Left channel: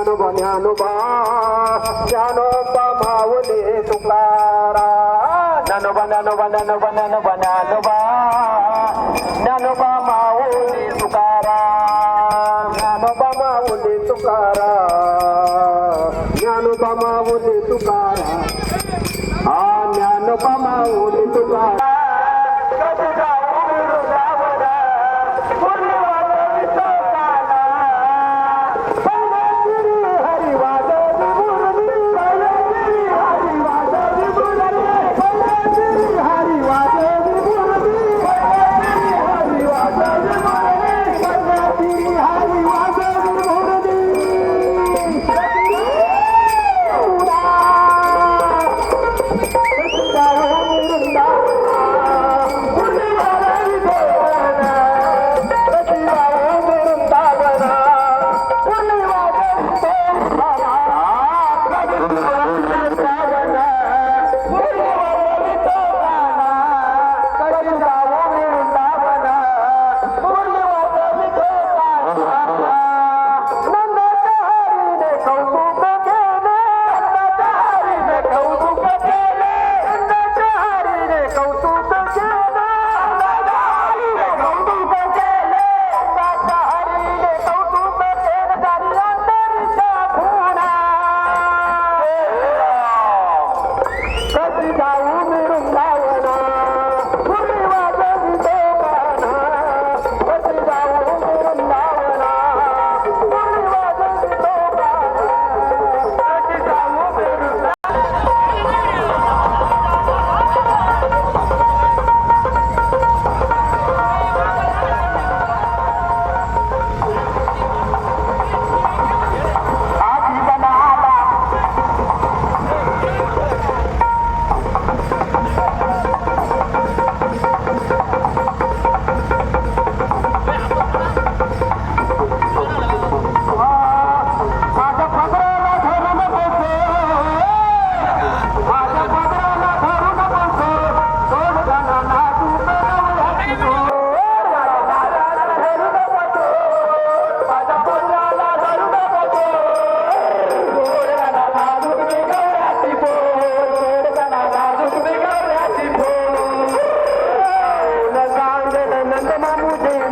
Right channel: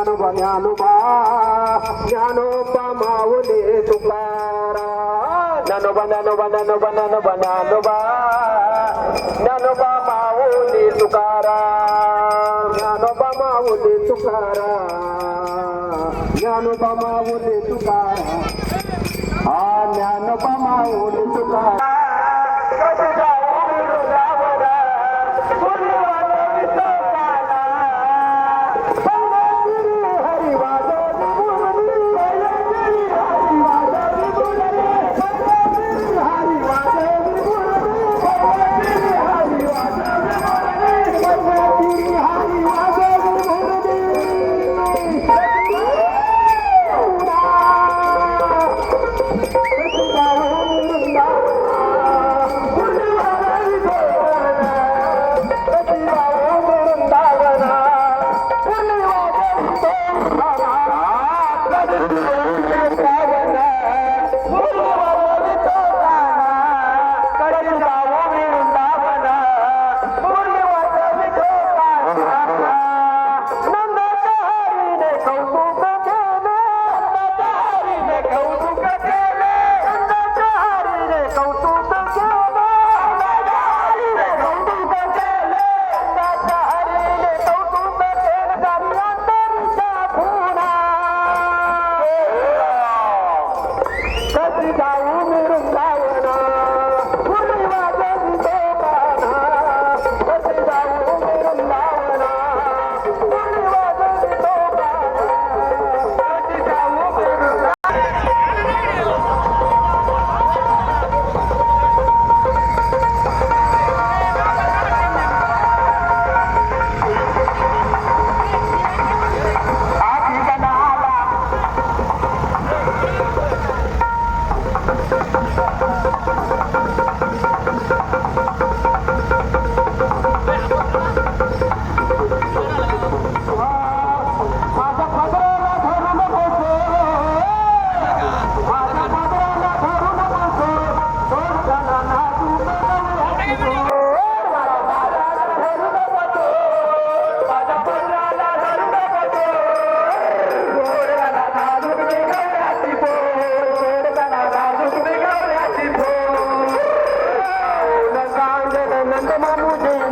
ज्ञानोबा ज्ञानोबा ज्ञानोपमा ओले शुक्लारा ज्ञानोबा ज्ञानोबा ज्ञानोबा ज्ञानोबा ज्ञानोबा ज्ञानोबा मा ओले तुकारा ज्ञानोबा मा ओले तुकारा ज्ञानोबा मा ओले तुकारा आ ज्ञानोबा मा ओले तुकारा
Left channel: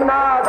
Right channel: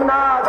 না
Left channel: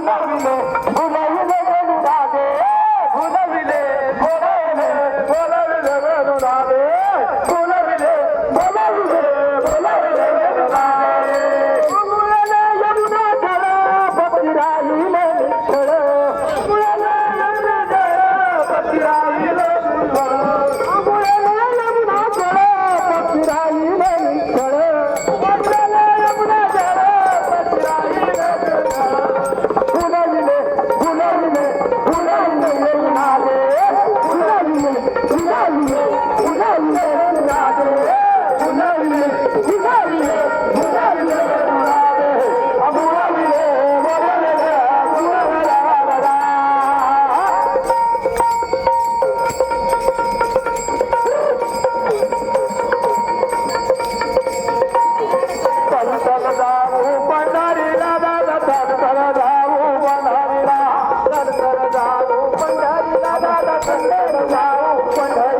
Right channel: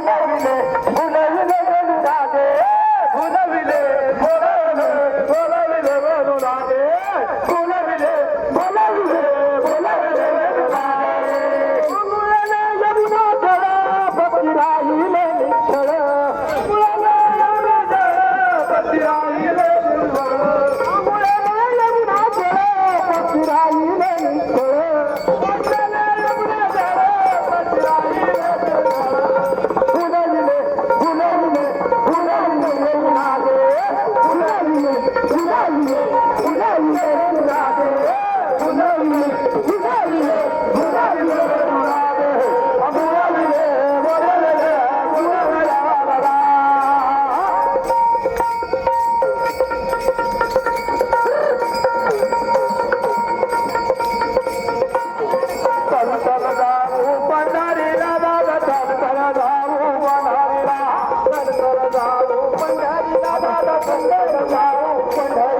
ভুলে पंढरी दादा पंढरया पंढरी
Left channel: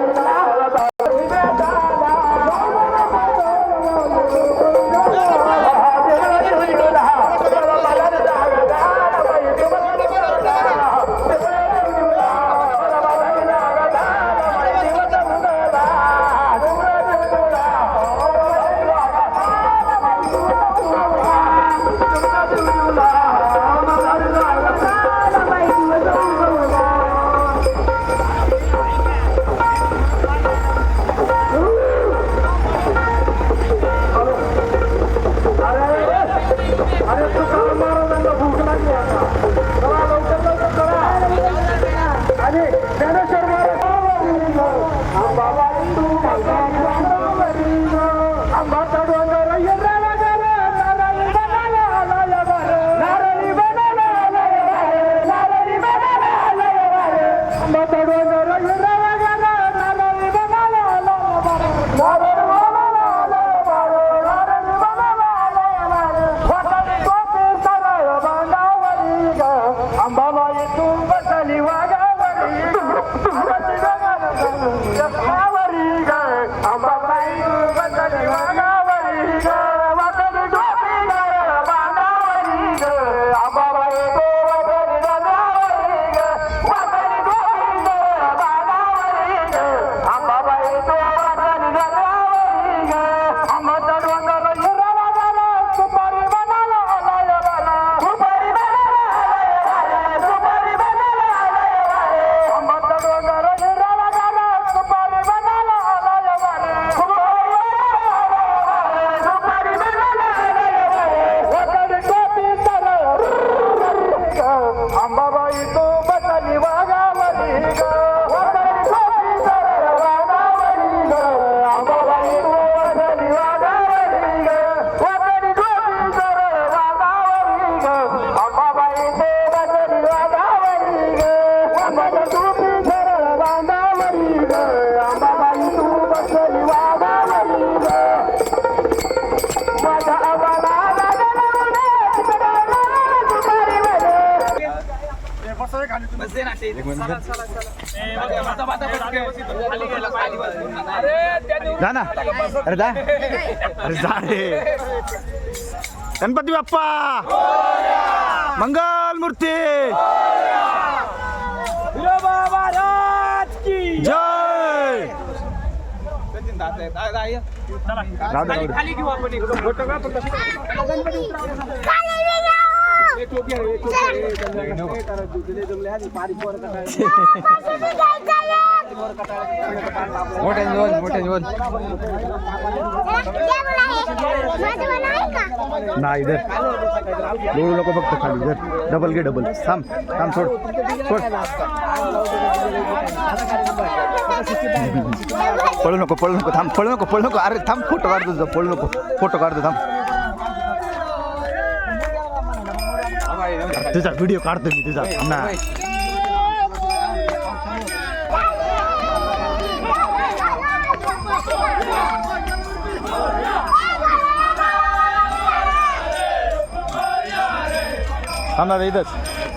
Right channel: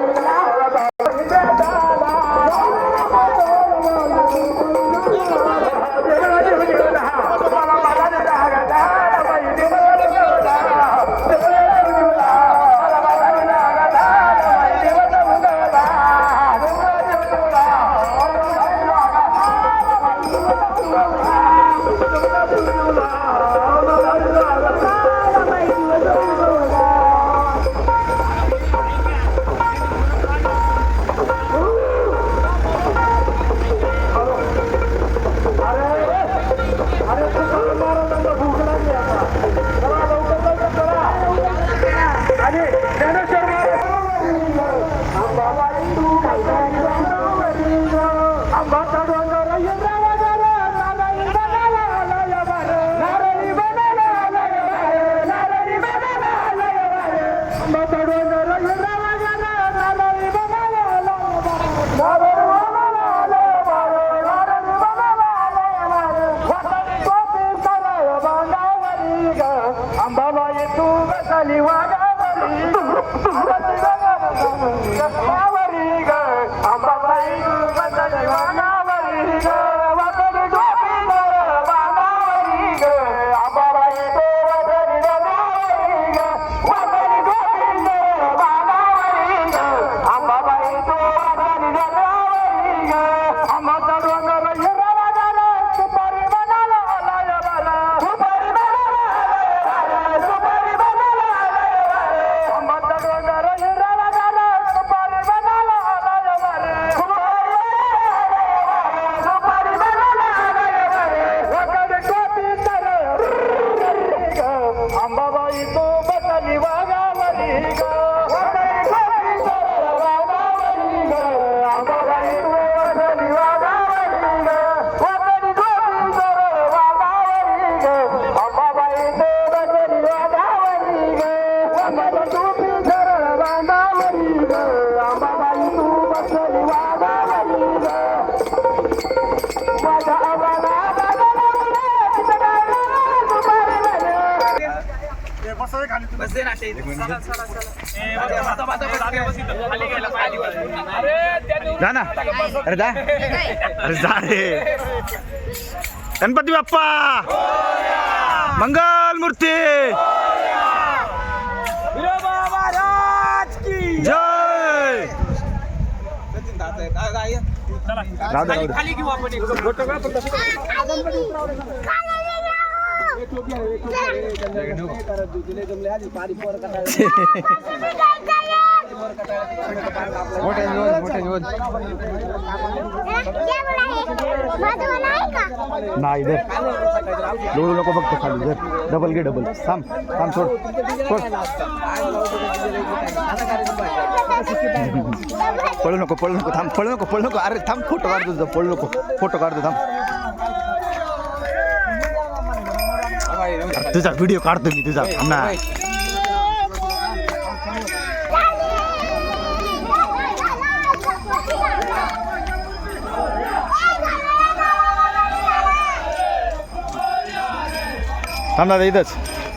अरे जा. अरे जा रे. गणपती बाप्पा. मंगल मूर्ती. जय. राहू दे दे. एक. नाही इधर. लोडू नको फक्त खाली इधर. डबल घे डबल थांब थांब सोड. सोड. पळू नको पळू नको थांब पळू नको पळू नको. अरे थांब फोटो काढतो तुझा पळू नको. फोटो काढतो थांब. तुझा व्हिडिओ काढतो मी तुझा. थांब ना. थांब दादा इथंच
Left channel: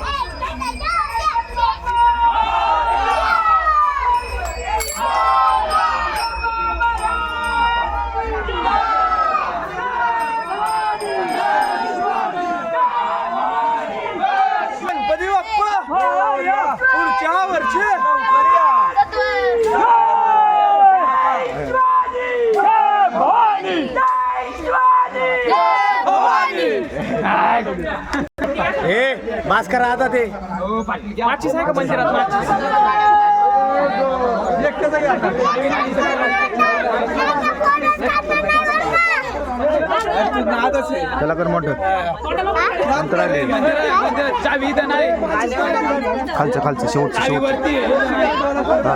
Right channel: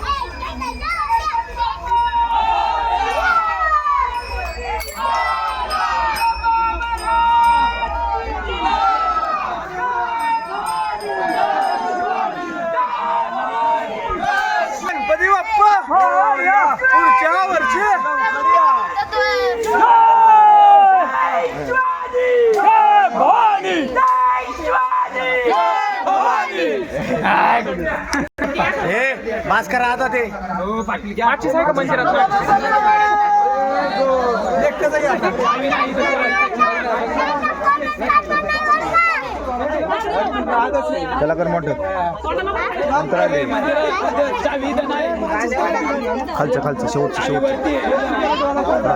ए भास्कर आता ते. माचीस आहे का मंदिरात त्याला कर मोठं. नंतर आले. नाही खालचं खालचं शेवटचं आहे. हा.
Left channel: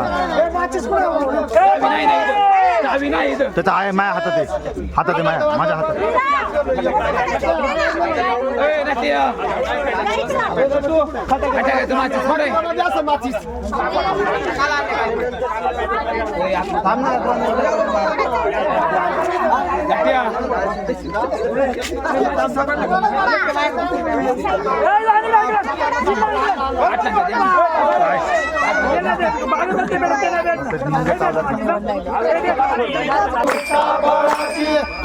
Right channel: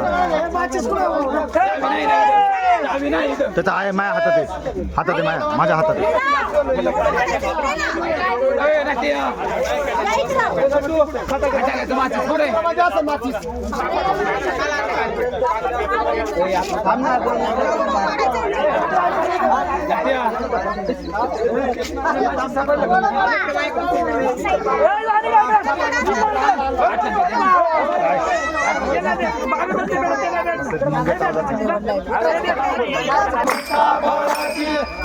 त्याचं आहे माझ्या हातात आहे. हातात आहे माझ्या माझ्या हातात आहे ए,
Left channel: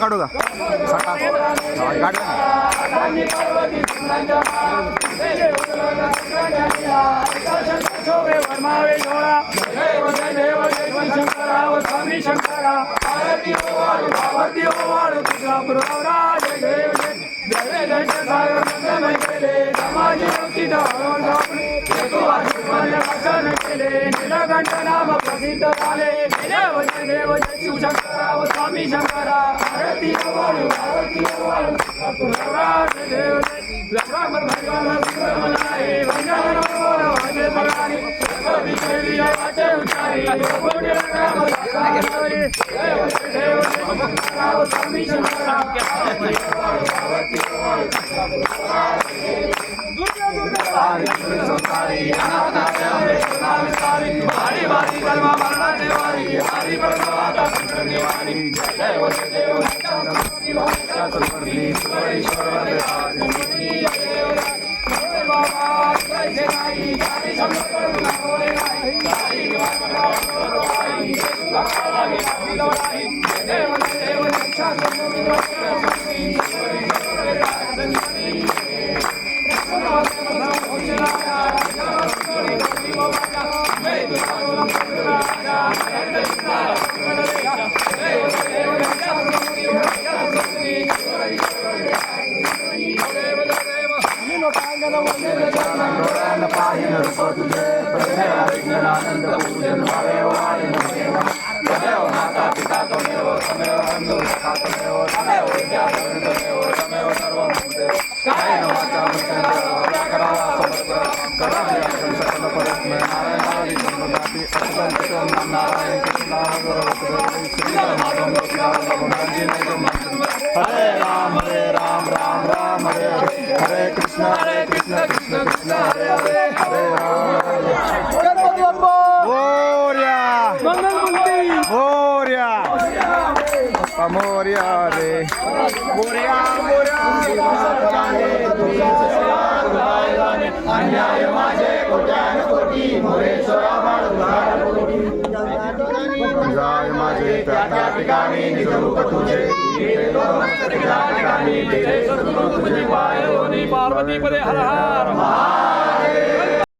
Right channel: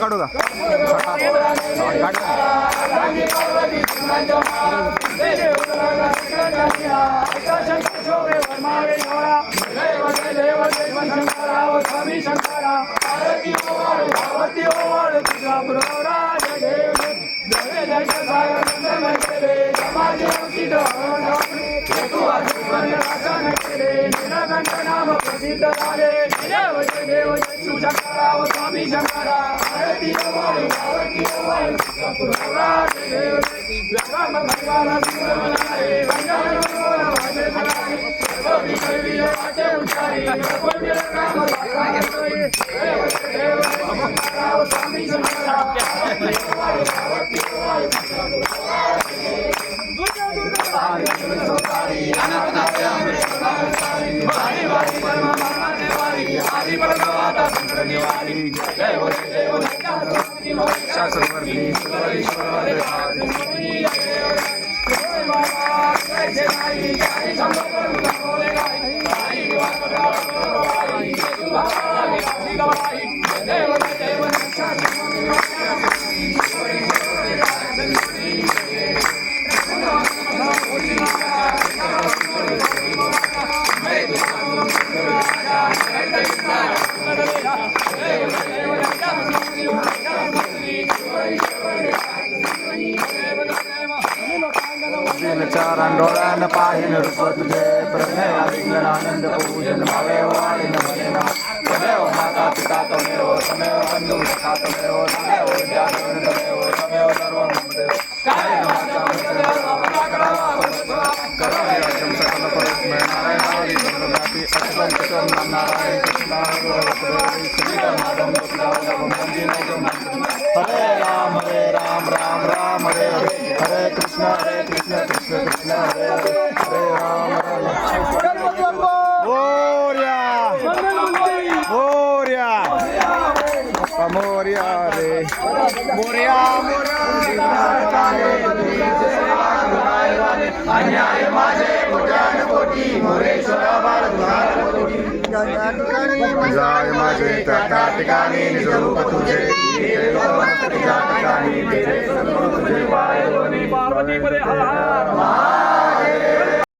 या. हटाय, तू माचीस Sarah, Sami Shamara, Sarah, Sarah, Sarah, Sarah, Sarah, Sarah, Sarah, Sarah, Sarah, वर्धे चरण डोळ्यानं पाहिन रूप तुझे प्रेमे विज्ञानंद पूजन भावे वाढिन तमेव माता पिता तमेव तमेव बंधू सखा तमेव तमेव विद्या तमेव तमेव सर्व ममदेव काही नमाचा मुख्य करावा समर्पण करावी आश्रम सकल परस्मय नारायणारी ब्रह्मव्यापी नाम नारायण कृष्णावरवसुदेव श्रीधर्माधम गोपिकावल्लभं सञ्जीवनं हरे राम हरे राम राम राम हरे हरे। हरे कृष्ण हरे कृष्ण कृष्ण कृष्ण हरे हरे। हरे राम हरे मोर्या। मोर्या। मोर्या रे। जाय माझे त्या त्या ठिकाणी निजरूप तुझे इथे त्या ठिकाणी तिथे सर्व तुझे पाय दोन्ही पार्वती पदे हर हर महा